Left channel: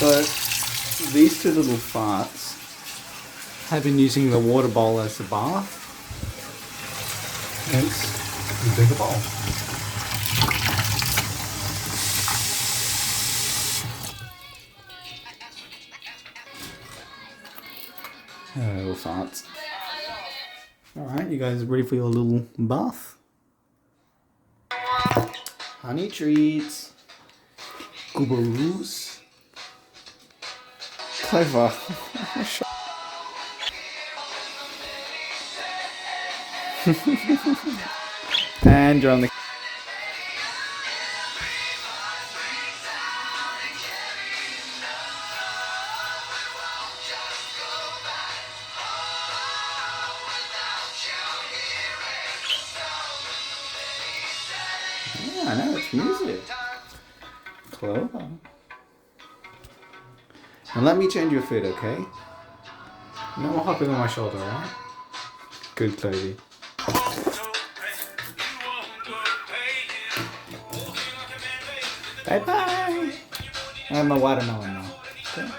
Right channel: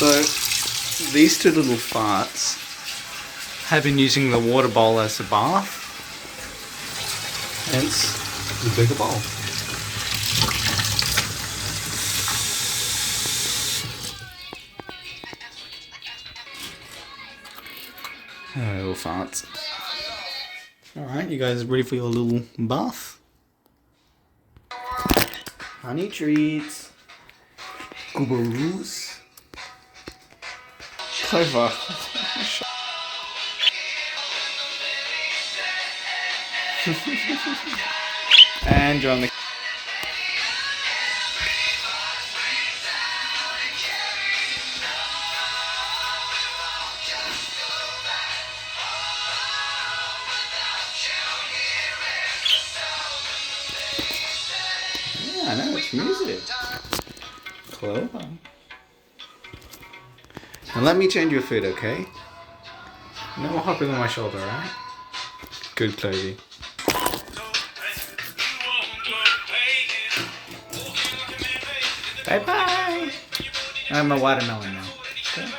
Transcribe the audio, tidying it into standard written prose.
So, these two little farts have been using the water bowl as a bath. Hence, the bigger bowl. Little farts. Alright, you guys ready for your little bath? Honey treats. Goobaroos. Clover. And John. Yeah, I know, it's music. Clover. And let me change your food, okay? No more hopping on my shoulder, right? Good, Clovey. Bye-bye! I have my watermelon now. Okay.